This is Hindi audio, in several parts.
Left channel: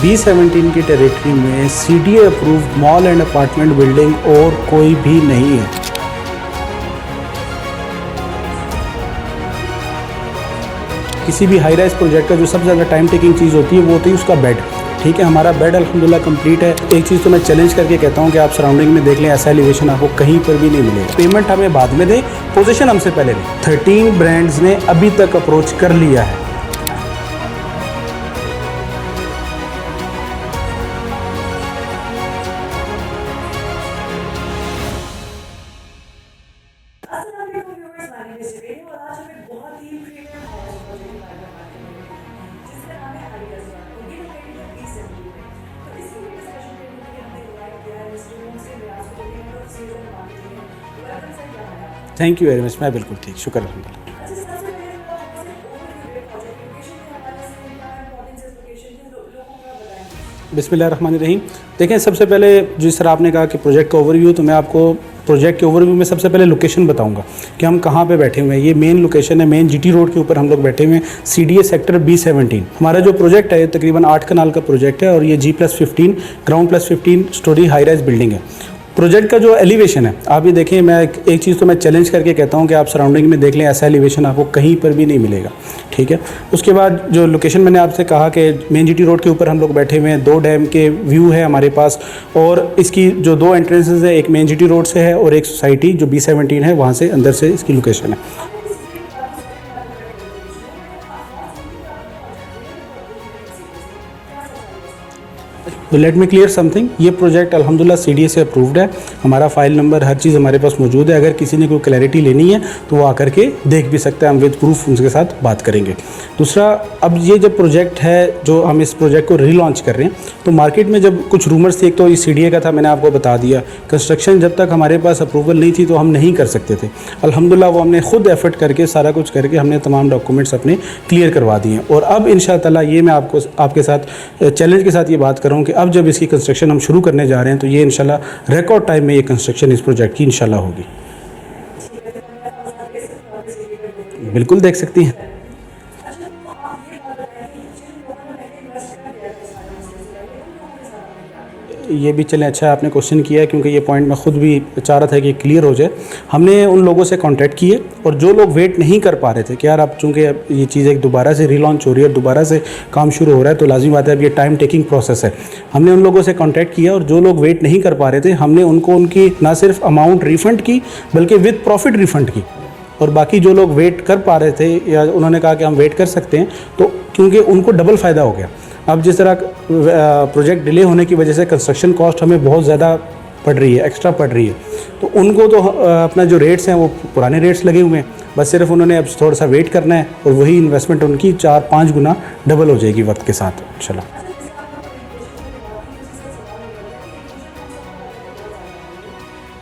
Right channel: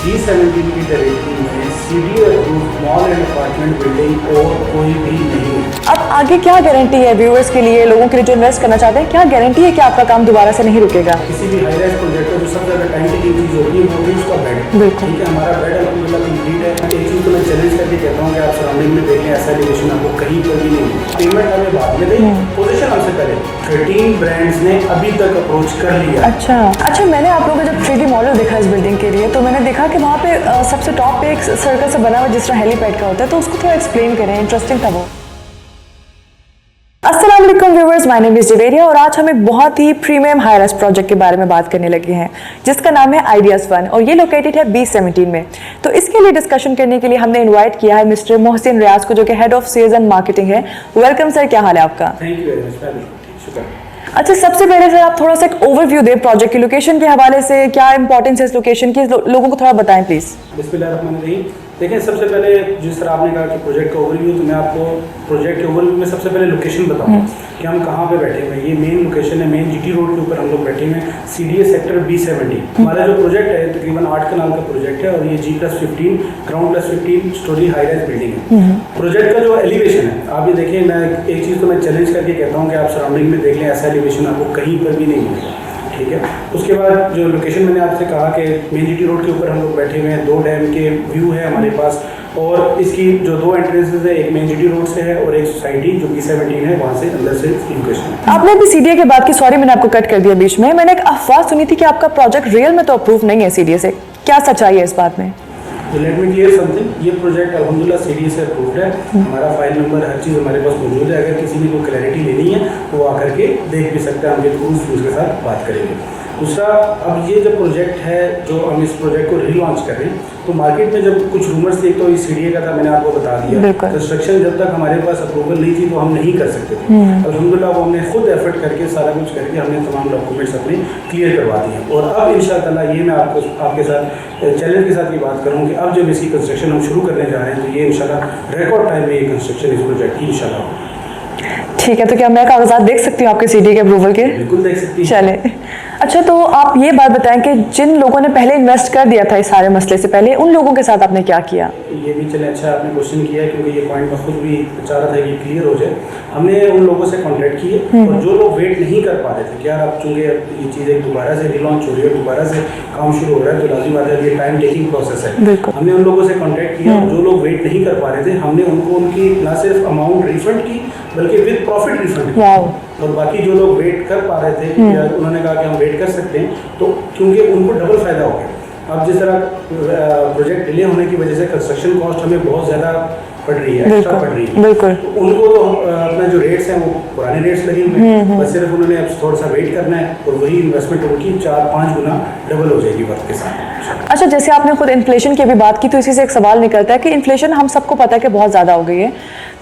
B17 की टेरिटरी में CDA approved mall and apartment building और कोई भी नहीं है। अब आगे क्या गारंटी है व्यूअर्स के लिए, लोगों के लिए जो इन्वेस्ट करना चाहते हैं, क्या गारंटी है कि आपका काम दोबारा से नहीं रुकेगा? किसी भी हाई राइज प्रोजेक्ट का जो सबसे ज़्यादा टाइम टेकिंग चीज़ होती है वो होती है उसका बेड। ठीक है, हमारा बेड अल्हम्दुलिल्लाह कंप्लीट है। एक चीज़ तो मैं चैलेंज करके कहता हूँ कि आप सराउंडिंग में देख लें, ऐसा एलिवेशन आपको कहीं पर भी नहीं मिलेगा। पेमेंट हमें बाद में दें, पोजीशन हमसे पहले। 13 ब्रांड्स ने अभी तक अप्रोच कर लिया। अच्छा, मैंने आप लोगों का जब 3D मॉडल देखा इस बिल्डिंग के लिए, तो मैंने देखा कि वहाँ पे सबसे टॉप पे एक सर्कल से बना हुआ जिस तरह हेलीपैड का होता है, तो उसको थोड़ा एक्सप्लेन करें, इंटरेस्टिंग था वो। अस्सलाम वालेकुम viewers, my name is Javeria और आज हम एक बहुत ही प्रीमियम हाई राइज प्रोजेक्ट के बारे में बात करने लगे हैं जिसका नाम है आइडियाज 1 और ये लोकेटेड है B17 में। तो इसके लिए डिस्कशन करने के लिए हमने इनवाइट किया है मिस्टर मोहसिन रियाज को, जो कि head of sales and marketing है। वेलकम सर, क्या हाल है आपका? थैंक यू वेरी मच, मैं बिल्कुल ठीक, शुक्र। अच्छा, सबसे पहले सर आप थोड़ा सा एक ओवरव्यू दें प्रोजेक्ट की, लोकेशन के हवाले से क्या इंपॉर्टेंस है इस लोकेशन की, लोगों को थोड़ा बताएं प्लीज। बिस्मिल्लाहिर्रहमानिर्रहीम। देखिए, सबसे पहले जिस तरह आपने कहा कि प्रोजेक्ट का ओवरव्यू, तो मैं आपको प्रोजेक्ट के ओवरव्यू में सबसे पहले लोकेशन बताऊंगा कि हम कहाँ पे बैठे हुए हैं। ये मेन लोकेशन है, मेन GT रोड के ऊपर हम लोग बैठे हुए हैं, CDA सेक्टर B17। हमारा जो प्रोजेक्ट है तकरीबन 8 कनाल का प्रोजेक्ट है और ये G+15 ground +15 story high rise building है। प्रोजेक्ट का जो एलिवेशन है आप ये देखें, मैं एक चीज़ तो मैं चैलेंज करके कहता हूँ कि आप सराउंडिंग में देख लें, ऐसा एलिवेशन आपको कहीं पर भी नहीं मिलेगा। ठीक है, उसके बाद जो लोकेशन मैंने आपसे कहा कि मेन GT रोड के ऊपर हम लोग बैठे हुए हैं, 2 डैम के व्यू है हमारे पास और इसकी जो 2 एंट्रेंसेस है, एक मेन GT रोड से है और एक सोसाइटी जो B17 है वहाँ से अंदर से इसकी लोकेशन है। आपने अभी CDA के बाद की, सॉरी मैंने आपको कट कर दिया बीच में, मैंने एक अफवाह सुनी थी कि आपका प्रोजेक्ट रियल में तो अप्रूव नहीं है CDA से, क्या सच्चाई है इस बात में? तो लेट मी क्लियर समथिंग, ये प्रोजेक्ट अल्हम्दुलिल्लाह CDA से अप्रूव्ड है, हमारा फाइल नंबर हर चीज़ हमारे पास मौजूद है। अगर किसी ने कोई क्लैरिटी लेनी है तो वो आकर के देख भी सकते हैं, हम विद प्रूफ उनके साथ बात करेंगे। दूसरा, अब ये जब प्रोजेक्ट है जो हम इस प्रोजेक्ट को रीलॉन्च कर रहे हैं, तो मार्केट में जब कुछ रूमर्स थे, एक तो इस CDA का था, मैंने आपको बता दिया। कंस्ट्रक्शन जब तक हमारे पास अप्रूवल नहीं थी तो हम नहीं कर सकते थे। अल्हम्दुलिल्लाह वो हमने खुद एफर्ट करके सारा कुछ करके हमने तमाम डॉक्यूमेंट्स अपने क्लियर करवा दिए और अब इंशाअल्लाह ये मैं आपके साथ चैलेंज के साथ ये बात कर रहा हूँ कि अब जब इसकी कंस्ट्रक्शन हम शुरू करने जा रहे हैं तो ये इंशाल्लाह रिकॉर्ड टाइम में ये कंस्ट्रक्शन इस प्रोजेक्ट की इंशाल्लाह होगी। ठीक है, तो क्या मैं कागजात देख सकती हूँ आपके CDA के अप्रूवल के? बिल्कुल देख सकती हैं। चले, अच्छा तो आप ये बात बताएं कि जिन लोगों ने पहले इन्वेस्ट कर दिया था इस सारे मसले से पहले, उन लोगों के साथ आपने क्या किया? ये भी चले, अच्छा आपने क्वेश्चन किया है क्योंकि ये पॉइंट मैं खुद भी चाह रहा था कि क्लियर हो जाए। हमने उन लोगों से कांटेक्ट किए और जो लोग वेट नहीं कर पा रहे थे कि यार अब चूँकि ये चीज़ एक दोबारा से रीलॉन्च हो रही है, दोबारा से काम शुरू हो रहा है, तो लाजिम बात है अब ये टाइम टेकिंग प्रोसेस है। हमने उन लोगों से कॉन्टैक्ट किया और जो लोग वेट नहीं कर पा रहे थे हमने उनको उनकी ना सिर्फ अमाउंट रिफंड की बल्कि विद प्रॉफिट रिफंड की। और बाकी जो लोग वेट कर पा रहे थे या उन्होंने कहा कि हम वेट कर सकते हैं, तो क्योंकि उनको डबल फ़ायदा हो गया। अब जिस तरह प्रोजेक्ट डिले होने की वजह से कंस्ट्रक्शन कॉस्ट हमें बहुत ज़्यादा पड़ रही है, एक्स्ट्रा पड़ रही है, तो उनको तो अपना जो रेट्स हैं वो पुराने रेट्स लगे हुए हैं, बस सिर्फ उन्होंने अब थोड़ा सा वेट करना है और वही इन्वेस्टमेंट उनकी 4-5 गुना डबल हो जाएगी वक्त के साथ। अच्छा, जैसे आपने खुद इन्फ्लेशन की अभी बात की, तो इसी से एक सवाल निकलता है कि इन्फ्लेशन हम सबको पता है कि बहुत ज़्यादा हो गई है,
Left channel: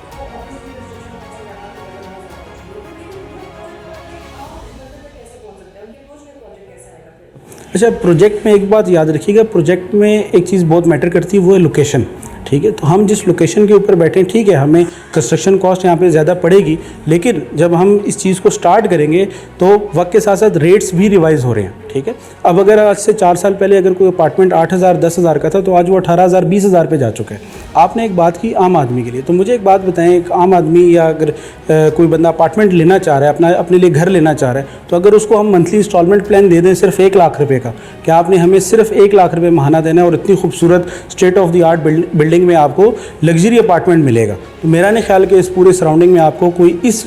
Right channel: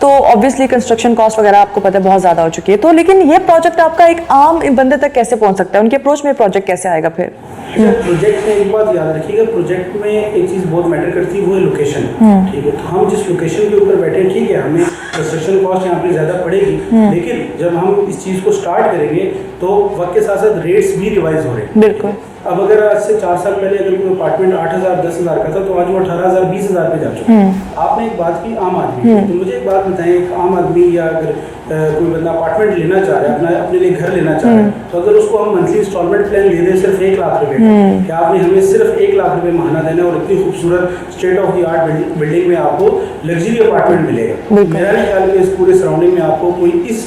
तो ऑब्वियसली कंस्ट्रक्शन कॉस्ट वगैरह आपको पता है बहुत ज़्यादा हो चुकी है, तो लेकिन ये प्रोजेक्ट आपका एक आम बंदे तक कैसे पहुंच सकता है? उनके अप्रोच में प्रोजेक्ट कैसे आएगा फिर? अच्छा, प्रोजेक्ट में एक बात याद रखिएगा, प्रोजेक्ट में एक चीज़ बहुत मैटर करती है, वो है लोकेशन। ठीक है, तो हम जिस लोकेशन के ऊपर बैठे हैं, ठीक है, हमें कंस्ट्रक्शन कॉस्ट यहाँ पे ज़्यादा पड़ेगी, लेकिन जब हम इस चीज़ को स्टार्ट करेंगे तो वक्त के साथ साथ रेट्स भी रिवाइज हो रहे हैं। ठीक है, अब अगर आज से 4 साल पहले अगर कोई अपार्टमेंट 8,000 10,000 का था तो आज वो 18,000 20,000 पे जा चुका है। आपने एक बात की आम आदमी की, तो मुझे एक बात बताएं, एक आम आदमी या अगर कोई बंदा अपार्टमेंट लेना चाह रहा है, अपने लिए घर लेना चाह रहा है, तो अगर उसको हम मंथली इंस्टॉलमेंट प्लान दे दें सिर्फ 1 लाख रुपए का, कि आपने हमें सिर्फ 1 लाख रुपए महाना देना है और इतनी खूबसूरत state of the art building में आपको लग्जरी अपार्टमेंट मिलेगा। मेरा नहीं ख्याल कि इस पूरे सराउंडिंग में आपको कोई इस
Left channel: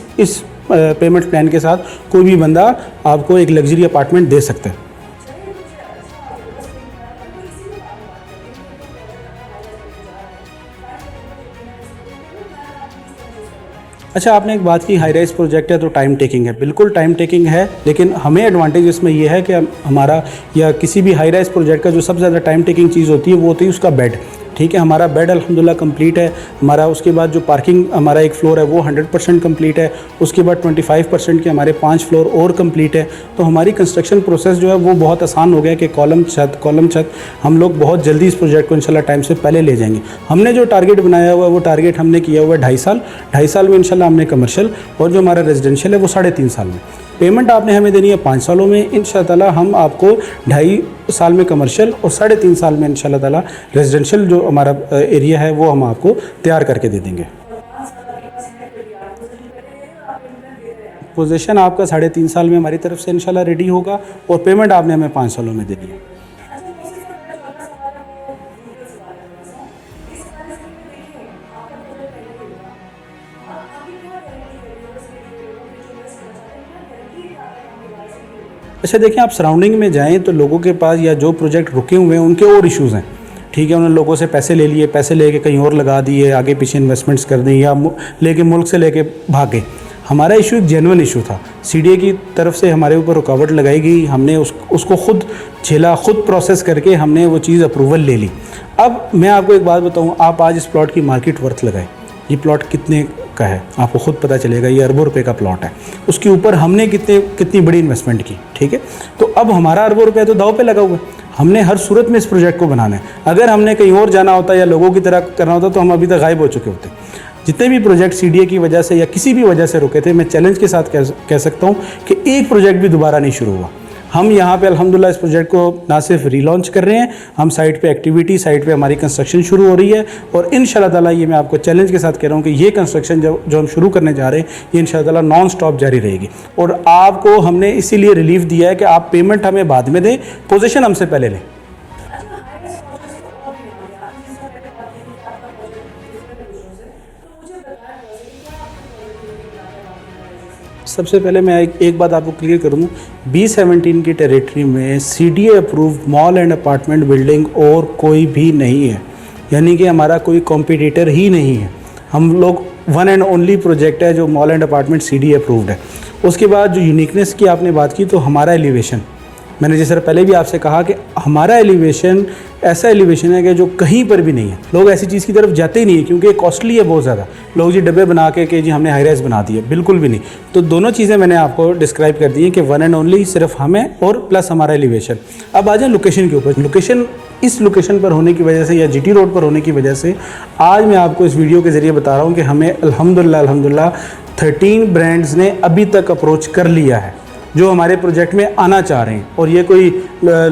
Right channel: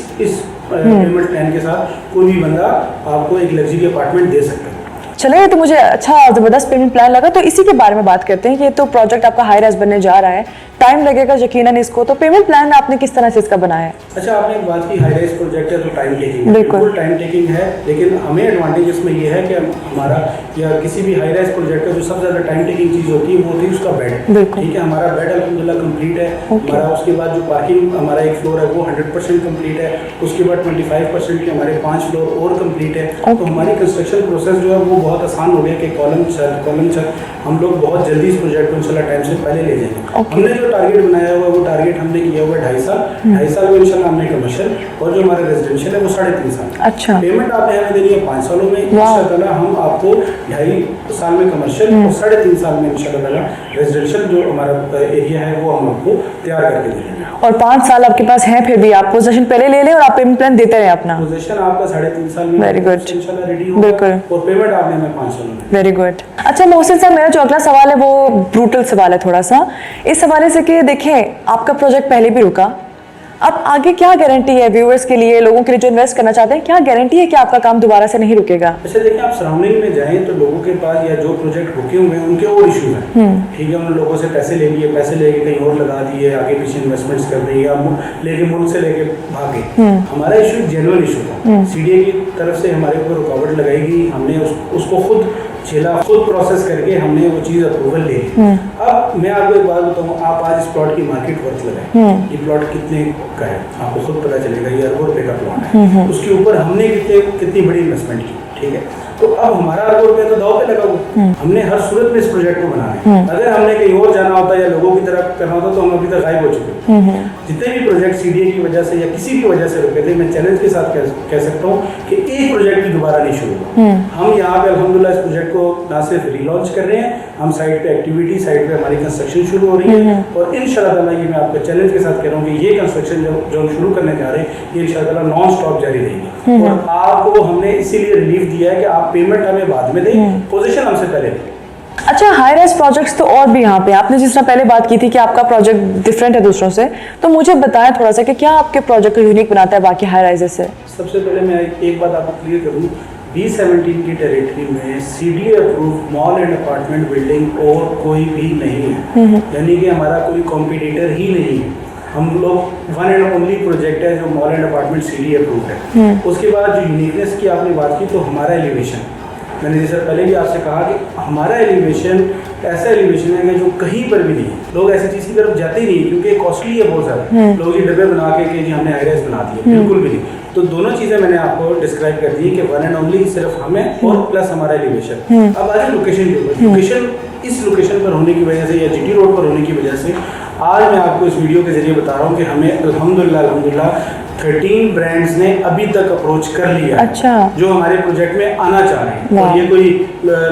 पेमेंट प्लान के साथ कोई भी बंदा आपको एक लग्जरी अपार्टमेंट दे सकता है। चलिए, तो मुझे अच्छा ज़बरदस्त पेमेंट प्लान लगा, तो इसी के बारे में बात करते हैं। ये तो प्रोजेक्ट आपका हाई राइज बनने जा रहा है, टाइम लगेगा यकीनन इसको, तो पेमेंट प्लान आपने किस तरह से इसका बनाया है? अच्छा, आपने एक बात की, हाई राइज प्रोजेक्ट है तो टाइम टेकिंग है, बिल्कुल टाइम टेकिंग है, लेकिन हमें एडवांटेज इसमें यह है कि हमारा या किसी भी हाई राइज प्रोजेक्ट का जो सबसे ज़्यादा टाइम टेकिंग चीज़ होती है वो होती है उसका बेड। ठीक है, हमारा बेड अल्हम्दुलिल्लाह कंप्लीट है। हमारा उसके बाद जो पार्किंग हमारा एक फ्लोर है वो 100% कंप्लीट है। उसके बाद 25% के हमारे 5 फ्लोर और कंप्लीट है। तो हमारी कंस्ट्रक्शन प्रोसेस जो है वो बहुत आसान हो गया कि कॉलम छत हम लोग बहुत जल्दी इस प्रोजेक्ट को इंशाल्लाह टाइम से पहले ले जाएंगे। हमने जो टारगेट बनाया हुआ है वो टारगेट हमने किया हुआ है 2.5 साल। 2.5 साल में इंशाल्लाह हमने कमर्शियल और जो हमारा रेजिडेंशियल है वो 3.5 साल में। अच्छा। पेमेंट आपने हमें देनी है 5 सालों में इंशाल्लाह। हम आपको 2.5 साल में कमर्शियल और 3.5 साल में इंशाल्लाह रेजिडेंशियल जो हमारा एरिया है वो हम आपको तैयार करके दे देंगे। और 5 साल आपके पास है, फिर भी आप पोजीशन पहले ले लें और आप पेमेंट प्लान देते रहे अपना। पोजीशन आपका 3.5 साल में इंशाल्लाह रेडी होगा और पेमेंट आपने हमें 5 सालों में। Very good. अच्छा मोहसिन साहब, मेरा जो अगला सवाल है वो ब्रूटल सवाल है थोड़ा सा, इस हवाले से कि देखें आपका प्रोजेक्ट पहले भी रुका, अब आगे क्या गारंटी है व्यूअर्स के लिए, लोगों के लिए जो इन्वेस्ट करना चाहते हैं, क्या गारंटी है कि आपका काम दोबारा से नहीं रुकेगा? अच्छा देखिए, आप सराउंडिंग में जाएं तो लोगों के पास या जो प्रोजेक्ट रुके हुए हैं उनके और इश्यूज हैं। ठीक है, उन्होंने लोगों से पैसे ले लिए, पैसे लेके कहीं और लगा दिए, आगे पीछे इन्वेस्टमेंट्स कर दी या लेके मुल्क से लेके भागे। हमारा इशू जेन्युइन इशू था। सीडीए की तरफ से हमारे ऊपर रुकावट लगाई गई, हमने उसको खुद झेला, खुद प्रोसेस करके हमने वो चीज़ अप्रूवल ले ली। अब मैं आपको एक बात बताऊं, आप आज इस प्लॉट की मार्केट वर्थ लगाएं, ये प्लॉट कितने का है आपको खुद पता चलेगा। ये अरबों रुपए का प्लॉट है, उसके ऊपर हमने कितनी बड़ी इन्वेस्टमेंट की। ठीक है, तो अब हमारा अरबों रुपए तो दाव पे लगा हुआ। हमने हर सूरत में इस प्रोजेक्ट को बनाना है। अगर हमने कहीं और जाना होता या लोगों की तरह करना होता तो हम अभी तक गायब हो चुके होते। जितने भी प्रोजेक्ट सीडीए की वजह से या किसी भी वजह से रुके थे, मैं चैलेंज के साथ कह सकता हूँ कि एक प्रोजेक्ट भी दोबारा नहीं शुरू हुआ। हम यहाँ पे अल्हम्दुलिल्लाह इस प्रोजेक्ट को ना सिर्फ रीलॉन्च कर रहे हैं, हम साइट पे एक्टिविटी, साइट पे हमारी कंस्ट्रक्शन शुरू हो रही है और इंशाल्लाह ताला ये मैं आपको चैलेंज के साथ कह रहा हूँ कि ये कंस्ट्रक्शन जो हम शुरू करने जा रहे हैं ये इंशाल्लाह ताला नॉन स्टॉप जारी रहेगी। और आपको हमने इसीलिए रिलीफ दिया है कि आप पेमेंट हमें बाद में दें, पोजीशन हमसे पहले लें। अच्छा, हाई राइज प्रोजेक्ट्स तो और भी यहाँ पे आपने जिस तरह पहले बात की थी कि आपका प्रोजेक्ट डिफरेंट है दूसरों से, तो मुझे बताएं थोड़ा सा कि क्या आपके प्रोजेक्ट को यूनिक बनाता है बाकी हाई राइजेस से? सबसे पहले मैं एक बात आपको क्लियर करूँ, B17 की टेरिटरी में CDA approved mall and apartment building और कोई भी नहीं है, यानी कि हमारा कोई कॉम्पिटिटर ही नहीं है। हम लोग वन एंड ओनली प्रोजेक्ट है जो mall and apartment CDA approved है। उसके बाद जो यूनिकनेस की आपने बात की, तो हमारा एलिवेशन, मैंने जिस तरह पहले भी आपसे कहा कि हमारा एलिवेशन ऐसा एलिवेशन है कि जो कहीं पर भी नहीं है। लोग ऐसी चीज़ की तरफ जाते ही नहीं, क्योंकि कॉस्टली है बहुत ज़्यादा। लोग जी डब्बे बना के कि जी हमने हाई राइज बना दिया, बिल्कुल भी नहीं। तो दोनों चीज़ें मैंने आपको डिस्क्राइब कर दी है कि वन एंड ओनली सिर्फ हमें और प्लस हमारा एलिवेशन। अब आ जाए लोकेशन के ऊपर। लोकेशन, इस लोकेशन पर होने की वजह से या जीटी रोड पर होने की वजह से आज मैं आपको इस वीडियो के जरिए बता रहा हूँ कि हमें अल्हम्दुलिल्लाह 13 ब्रांड्स ने अभी तक अप्रोच कर लिया है। अच्छा। जो हमारे प्रोजेक्ट में आना चाह रहे हैं। और ये कोई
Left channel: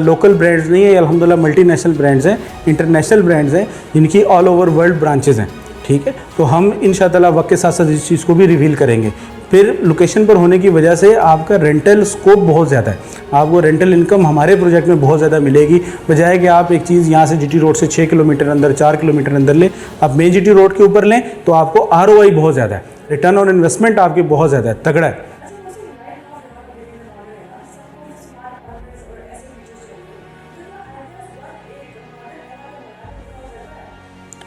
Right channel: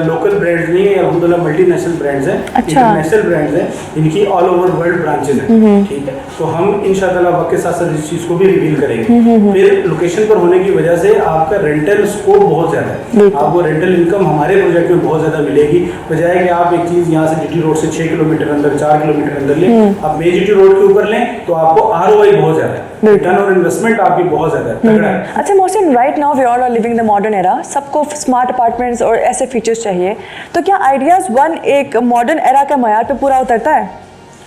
लोकल ब्रांड्स नहीं है, अल्हम्दुलिल्लाह मल्टीनेशनल ब्रांड्स हैं। अच्छा। इंटरनेशनल ब्रांड्स हैं जिनकी ऑल ओवर वर्ल्ड ब्रांचेस हैं। ठीक है, तो हम इंशाअल्लाह वक्त के साथ साथ इस चीज़ को भी रिवील करेंगे। फिर लोकेशन पर होने की वजह से आपका रेंटल स्कोप बहुत ज़्यादा है, आपको रेंटल इनकम हमारे प्रोजेक्ट में बहुत ज़्यादा मिलेगी। बजाय कि आप एक चीज़ यहाँ से जीटी रोड से 6 किलोमीटर अंदर, 4 किलोमीटर अंदर लें, आप मेन जीटी रोड के ऊपर लें तो आपको ROI बहुत ज़्यादा है, रिटर्न ऑन इन्वेस्टमेंट आपकी बहुत ज़्यादा तगड़ा है। अच्छा Mohsin, right now we all are living the modern era, सबको स्मार्ट अपार्टमेंट्स और ऐसे फीचर्स चाहिए, तो क्या आइडियाज़ वन एक मॉडर्न एरा का मयार पे पूरा उतरता है?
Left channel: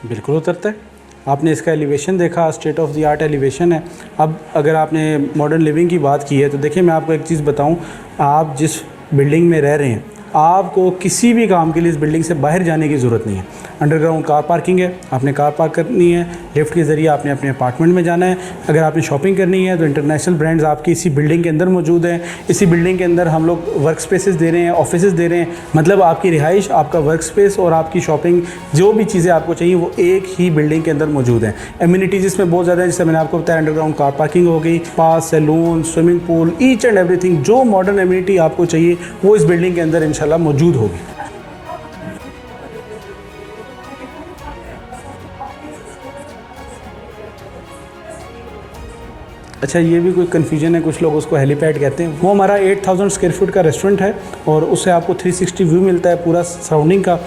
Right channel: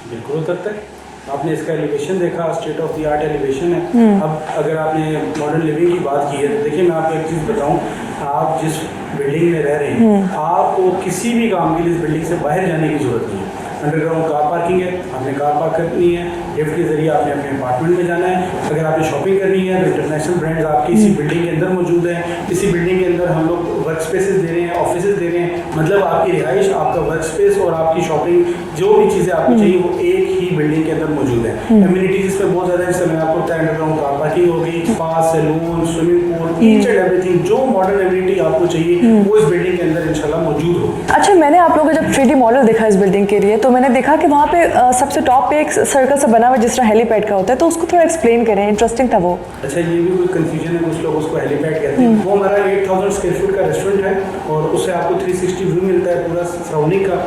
बिल्कुल उतरता है। आपने इसका एलिवेशन देखा, state of the art elevation है। अब अगर आपने मॉडर्न लिविंग की बात की है तो देखिए मैं आपको एक चीज़ बताऊं, आप जिस बिल्डिंग में रह रहे हैं आपको किसी भी काम के लिए इस बिल्डिंग से बाहर जाने की ज़रूरत नहीं है। अंडरग्राउंड कार पार्किंग है, आपने कार पार्क करनी है, लिफ्ट के ज़रिए आपने अपने अपार्टमेंट में जाना है। अगर आपने शॉपिंग करनी है तो इंटरनेशनल ब्रांड्स आपकी इसी बिल्डिंग के अंदर मौजूद हैं। इसी बिल्डिंग के अंदर हम लोग वर्क स्पेसेस दे रहे हैं, ऑफिसेज दे रहे हैं, मतलब आपकी रिहाइश, आपका वर्क स्पेस और आपकी शॉपिंग, जो भी चीज़ें आपको चाहिए वो एक ही बिल्डिंग के अंदर मौजूद है। एम्यूनिटीज इसमें बहुत ज़्यादा है, जैसे मैंने आपको बताया अंडरग्राउंड कार पार्किंग हो गई, spa, salon, swimming pool, each and everything जो मॉडर्न एम्यूनिटी आपको चाहिए वो इस बिल्डिंग के अंदर इंशाल्लाह मौजूद होगी। अच्छा, मैंने आप लोगों का जब 3D मॉडल देखा इस बिल्डिंग के लिए, तो मैंने देखा कि वहाँ पे सबसे टॉप पे एक सर्कल सा बना हुआ जिस तरह हेलीपैड का होता है, तो उसको थोड़ा एक्सप्लेन करें, इंटरेस्टिंग था वो। अच्छा, ये भी कोई कन्फ्यूजन है, कुछ लोग उसको हेलीपैड कहते हैं। वो हमारा 8000 स्क्वायर फुट का रेस्टोरेंट है और उससे आपको 360 व्यू मिलता है पूरा सराउंडिंग का।